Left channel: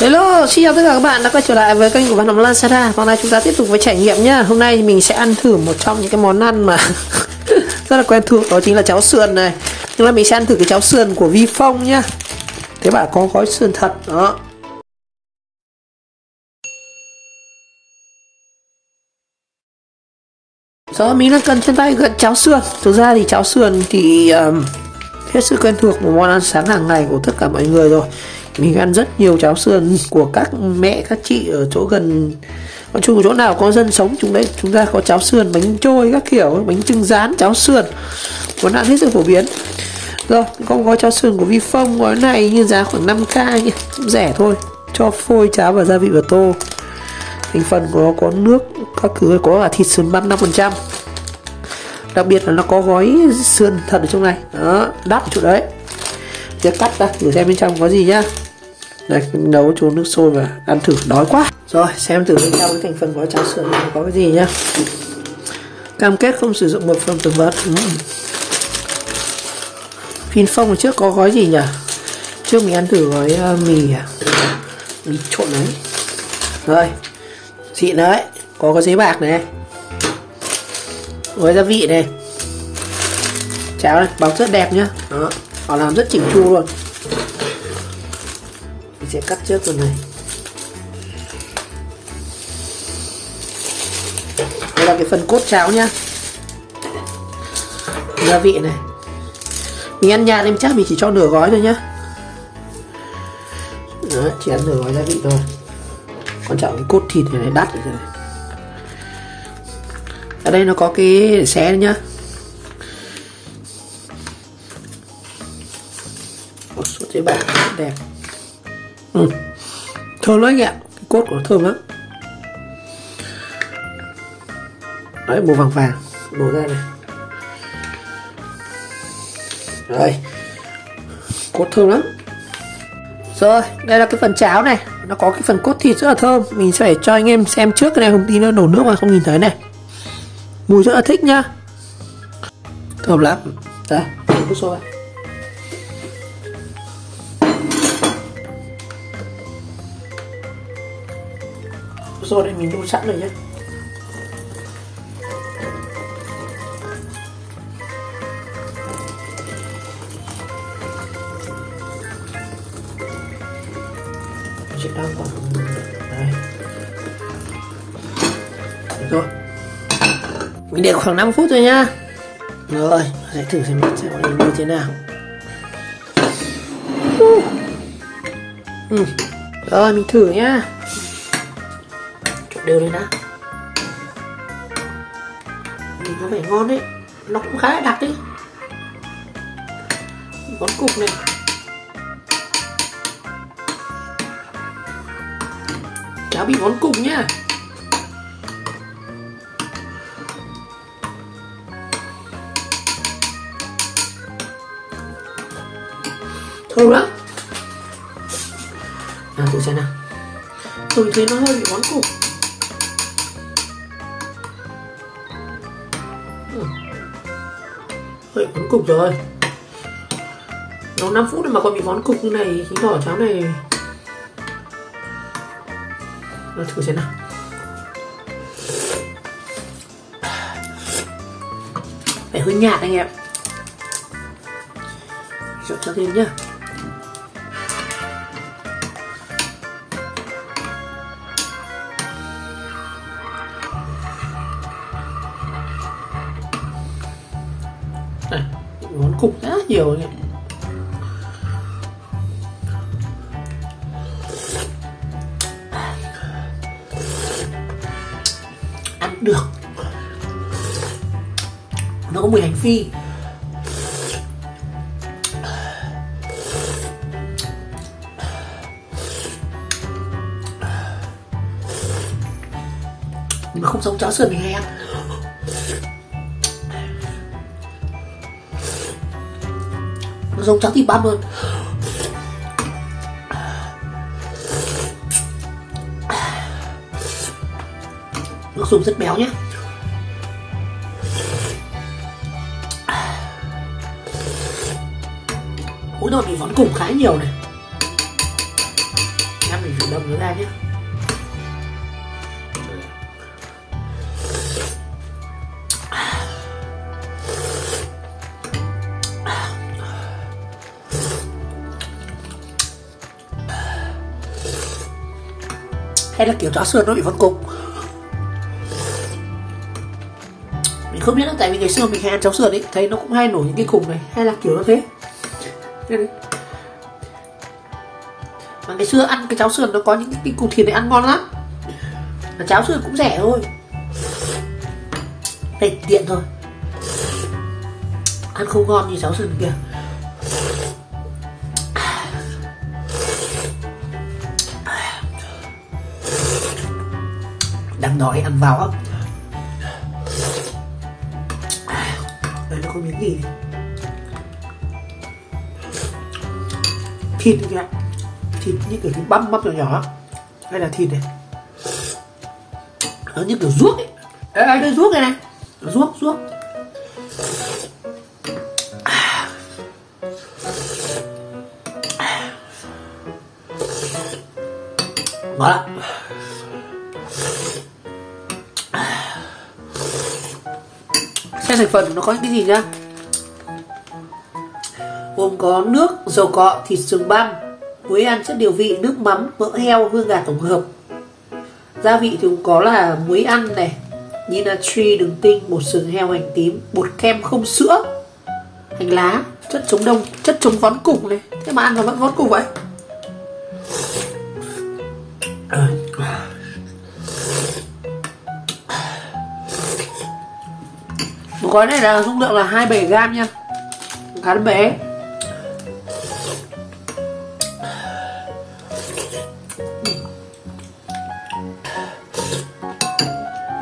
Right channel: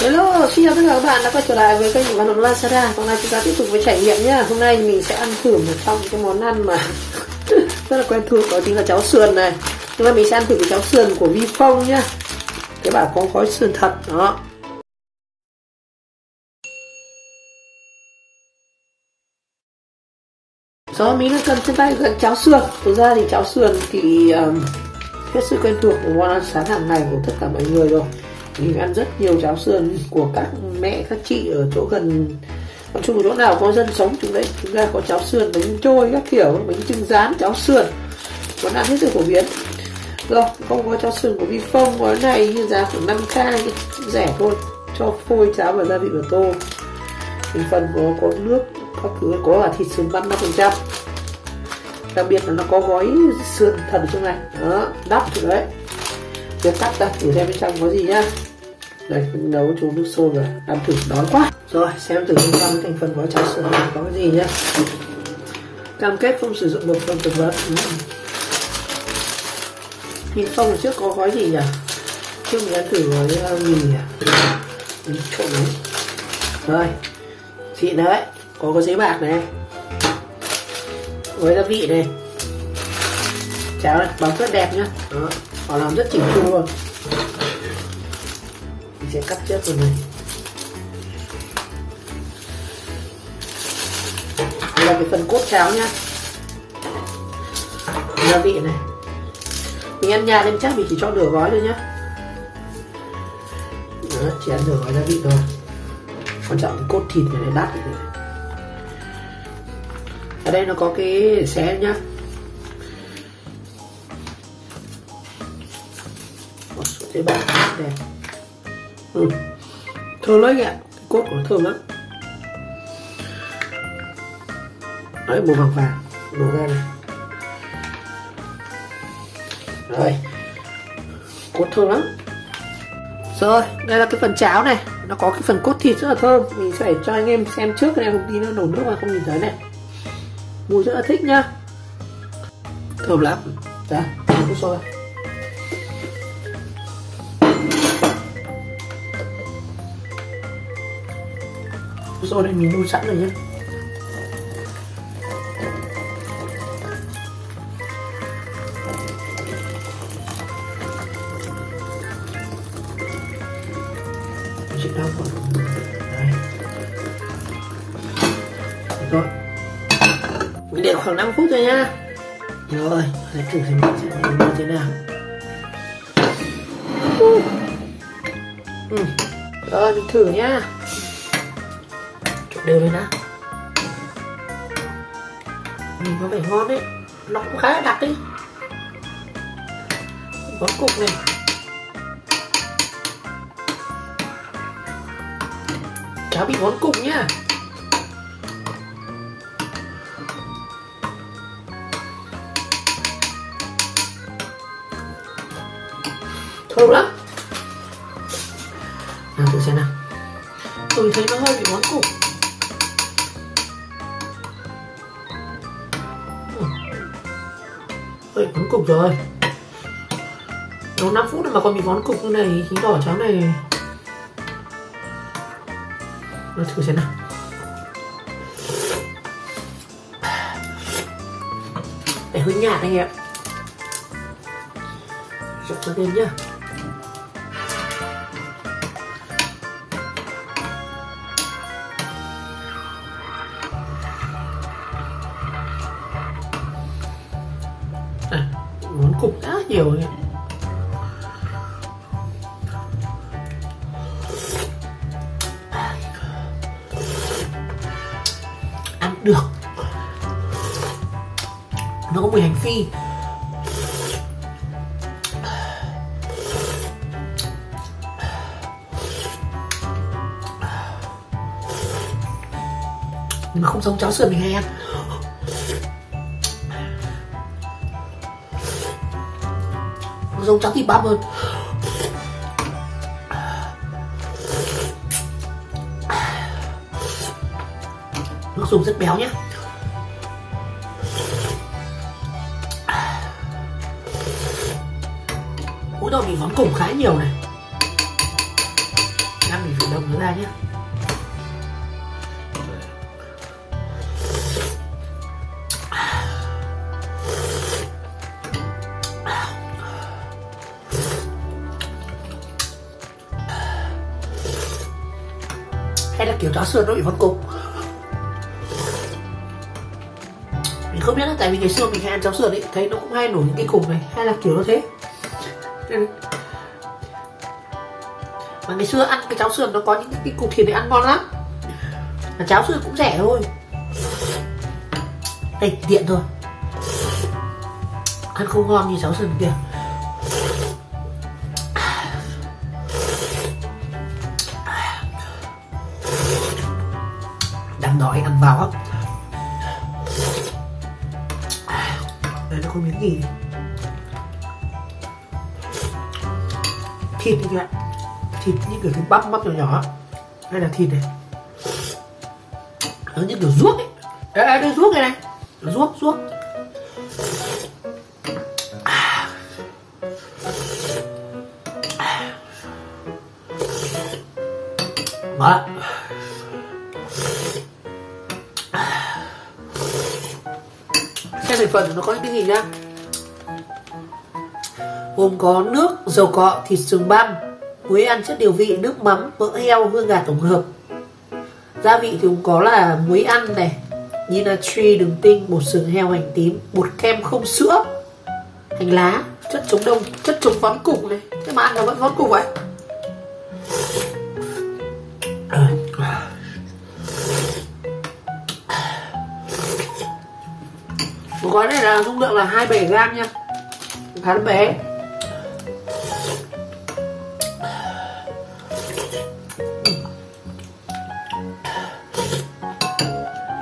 Hello, xin chào tất cả các bạn đã quay trở lại với kênh của Văn Hồng Lazada. Hôm nay chúng ta tiếp tục với trải nghiệm nhá. Hôm nay mình sẽ ăn thử một trong những cái món ăn mà rất là quen thuộc, đó chính là cháo sườn này. Hôm nay mình sẽ ăn thử cái cháo sườn của Vifong nhá. Thế bạn có gói sườn thật đó. Đó, mình đang cần trên tay gần cháo sườn. Thực ra thì cháo sườn thì hết sức quen thuộc, một món ăn sáng hàng ngày của tất cả mọi người rồi. Mình ăn rất nhiều cháo sườn của các mẹ, các chị ở chỗ gần, nói chung chỗ nào có dân sống chúng ta có cháo sườn, bánh trôi các kiểu, bánh chưng rán, cháo sườn, món ăn hết sức phổ biến. Rồi, con gói cháo sườn của Vifong, gói này như giá khoảng 5k nhé, rẻ thôi, cho phôi cháo và gia vị vào tô. Thành phần của nó có nước, các thứ, có cả thịt sườn băm 5%. Đặc biệt là nó có gói sườn thật ở trong này, đó, đắp ở chỗ đấy. Giờ cắt ra thử xem bên trong có gì nhá. Đây, mình nấu cho nước sôi mà ăn thử, đói quá. Rồi, xem thử bên trong thành phần của cháo sườn có cái gì nhá. Cam kết không sử dụng một phần thực vật. Vifong hồi trước có gói gì nhỉ? Trước mình ăn thử gói mì trộn đấy. Rồi, xịn đấy, có cái giấy bạc này, gói gia vị này, cháo này, bọc rất đẹp nhá. Đó, họ làm rất chỉnh chu luôn. Mình sẽ cắt trước phần này. Đây là cái phần cốt cháo nhá. Gia vị này, mình ăn nhạt nên chắc mình chỉ cho nửa gói thôi nhá. Đó, chỉ ăn nửa gói gia vị thôi. Quan trọng cái cốt thịt này đắt rồi. Ở đây nó có cái để xé nhá. Một số giấy bạc đẹp. Thơm lắm ạ, cái cốt của nó thơm lắm. Đấy, màu vàng vàng đổ ra này. Rồi, cốt thơm lắm. Rồi, đây là cái phần cháo này, nó có cái phần cốt thịt rất là thơm. Mình sẽ phải cho anh em xem trước cái này, không tí nó đổ nước mà không nhìn thấy này. Mùi rất là thích nhá, thơm lắm. Đây, nước sôi. Nước sôi đây mình đun sẵn rồi nhé. Rồi, mình để khoảng 5 phút thôi nhá. Rồi, hãy thử xem như thế nào. Rồi, mình thử nhá. Trộn đều lên nào. Nhìn có vẻ ngon đấy, nó cũng khá là đặc đấy. Món cục này, cháo bị món cục nhá. Thơm lắm. Nào thử xem nào. Tôi thấy nó hơi bị món cục. Hơi món cục rồi. Nó 5 phút mà còn bị món cục như này thì vỏ cháo này. Nào thử xem nào. Để hơi nhạt anh em. Trộn cho thêm nhá. Này, món cục rất nhiều nhỉ. Ăn được. Nó có mùi hành phi. Nhưng mà không giống cháo sườn mình hay ăn. Nó giống cháo thịt băm hơn. Nước dùng rất béo nhé. Mỗi tội mình món cùng khá nhiều này. Ăn mình phải nấu nó ra nhé. Hay là kiểu cháo sườn nó bị vón cục. Mình không biết là tại vì ngày xưa mình hay ăn cháo sườn ấy, thấy nó cũng hay nổi những cái cục này, hay là kiểu nó thế. Mà ngày xưa ăn cái cháo sườn nó có những cái cục thịt này ăn ngon lắm. Mà cháo sườn cũng rẻ thôi. Đây tiện thôi. Ăn không ngon như cháo sườn kia. Đang đói ăn vào không? Đây nó có miếng gì? Thịt này, thịt như kiểu thịt băm nhỏ nhỏ, hay là thịt này? Nó như kiểu ruốc ấy. Đây ruốc này này, ruốc. Ngon lắm. Xem thành phần nó có những cái gì nhá. Gồm có nước, dầu cọ, thịt sườn băm, muối ăn chất điều vị, nước mắm, mỡ heo, hương gà tổng hợp. Gia vị thì cũng có là muối ăn này, như natri, đường tinh, bột sừng heo, hành tím, bột kem không sữa, hành lá, chất chống đông, chất chống vón cục này. Thế mà ăn nó vẫn vón cục vậy. Một gói này là dung lượng là 27g nha, khá là bé.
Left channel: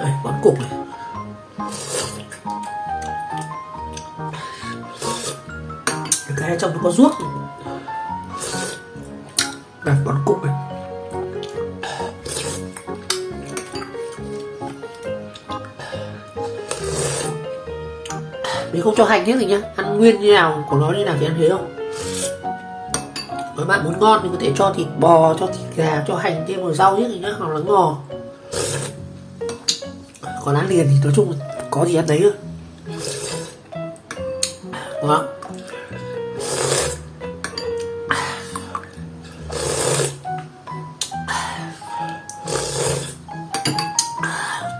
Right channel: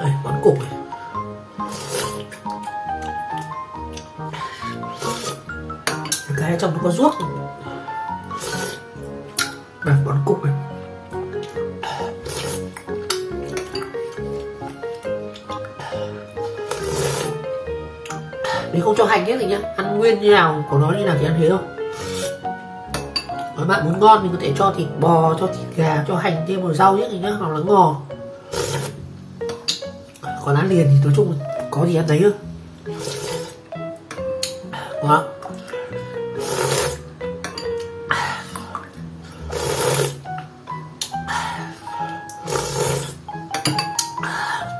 Đây, vón cục này. Cái trong nó có ruốc. Đây, vón cục này. Mình không cho hành hết gì nhá, ăn nguyên như nào của nó như nào thì ăn thế thôi. Nếu bạn muốn ngon thì có thể cho thịt bò, cho thịt gà, cho hành thêm một rau hết gì nhá, hoặc là ngò. Còn ăn liền thì nói chung có gì ăn đấy thôi. Đó.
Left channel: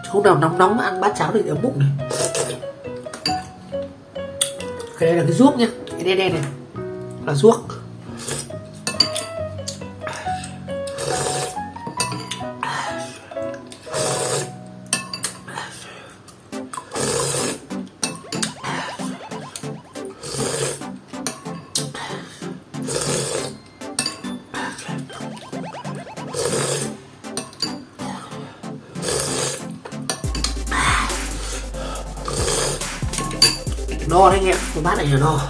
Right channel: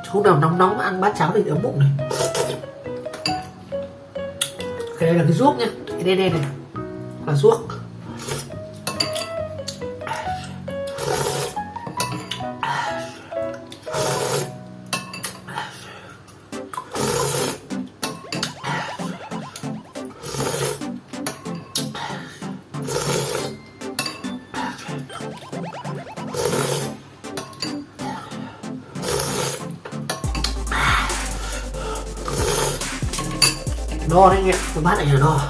Hôm nào nóng mà ăn bát cháo thì ấm bụng này. Cái đây là cái ruốc nhá, cái đen này là ruốc. No đấy anh em, cái bát này là no.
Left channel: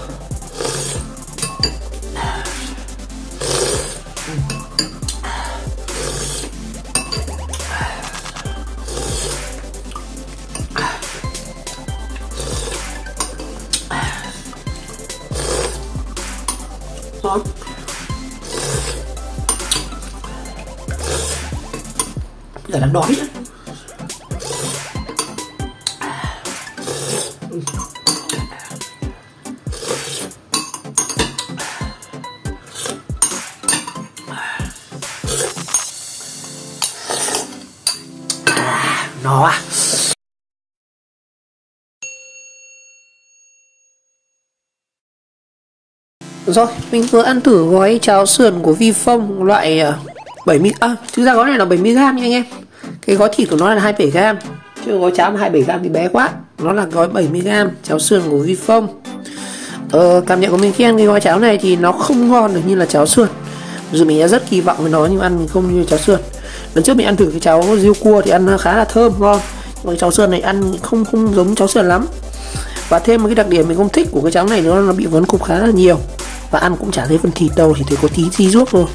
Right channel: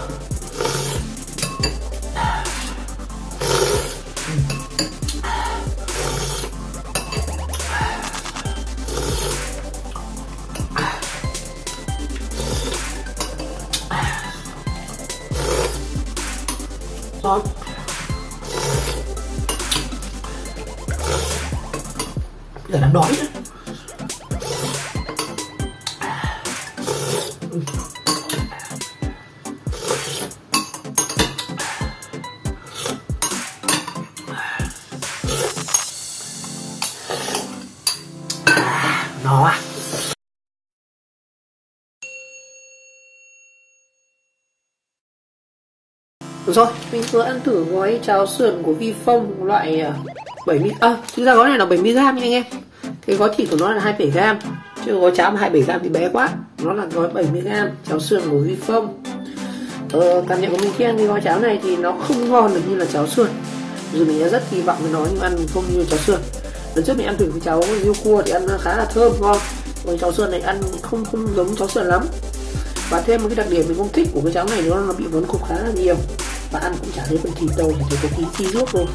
Ngon. Cả đang đói nữa. Nó à. Rồi, mình vừa ăn thử gói cháo sườn của Vifong loại 70, thực ra gói này là 70g nha anh em. Cái gói thịt của nó là 27g, chứ gói cháo mà 27g thì bé quá. Nó là gói 70g cháo sườn của Vifong. Cảm nhận của mình khi ăn cái gói cháo này thì nó không ngon được như là cháo sườn. Dù mình đã rất kỳ vọng với nó nhưng ăn không như cháo sườn. Lần trước mình ăn thử cái cháo riêu cua thì ăn khá là thơm ngon. Còn cháo sườn này ăn không giống cháo sườn lắm. Và thêm một cái đặc điểm mình không thích của cái cháo này nữa là nó bị vón cục khá là nhiều. Và ăn cũng chả thấy phần thịt đâu, chỉ thấy có tí ruốc thôi.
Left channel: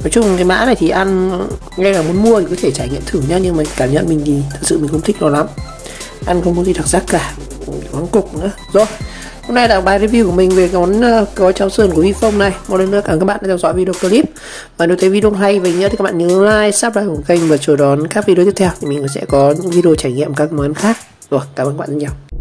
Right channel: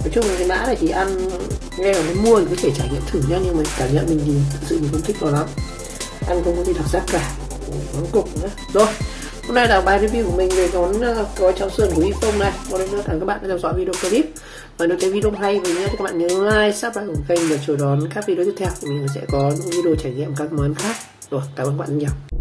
Nói chung cái mã này thì ăn ngay là muốn mua thì có thể trải nghiệm thử nhá, nhưng mà cảm nhận mình thì thật sự mình không thích nó lắm. Ăn không có gì đặc sắc cả, vón cục nữa. Rồi, Hôm nay là bài review của mình về món gói cháo sườn của Vifong này. Một lần nữa cảm ơn các bạn đã theo dõi video clip. Và nếu thấy video hay và nhớ thì các bạn nhớ like, subscribe của kênh và chờ đón các video tiếp theo thì mình sẽ có những video trải nghiệm các món khác. Rồi, cảm ơn các bạn rất nhiều.